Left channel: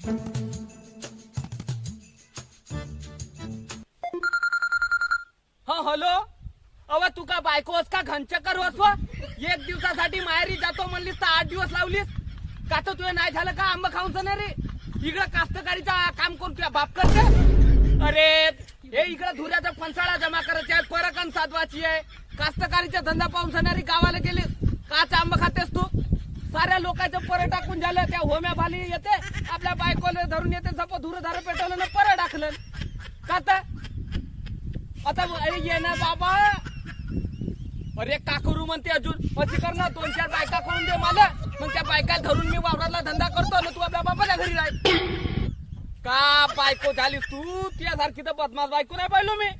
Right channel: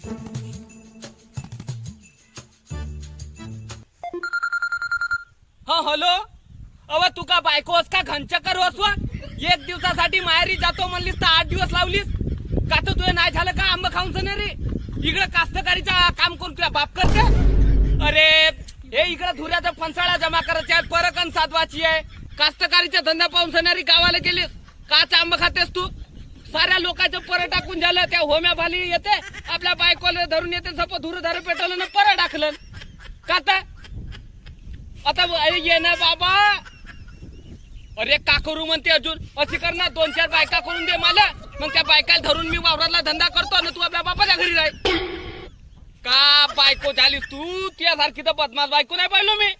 हा हॅलो. अव तू का बायकोस का घनचक्कर होस? एक दिवसासाठी माहेरी जातो म्हणलीस तर 8 दिवस लावलीस का? तर तुझे नाही झालं का आंबा खाऊन सण रे? इकडं कास्तकारीचा काम करून तुला बाप करते. अरे हे इकडं धुऱ्याचा फणसाळा जमा करायचे आहे, परकन साधवाची आहे. कास्तकारीचा धंदा पाहून सणारी गावाला गेलीस काच आंबा खातेस तू? साऱ्या लोकांचं पर टाकून झालं. त्या होम्या भाली येते आपल्या बायकोला धरून येते, सप धुर धार पेटवलं ना पर टाकलं का? आता ये ना बाबा. अरे का करू म्हणते अजून अशी कर ना, 2-4 बायका करून दे मला, मग त्या बायकाला धरून मी वावरातला धंदा करतो ना. तू आपल्या बापाच्या घरी राह. का बायको झालीस तू? तुझ्यासारखी तर बदमाश बायको नाही पाहिलो मी.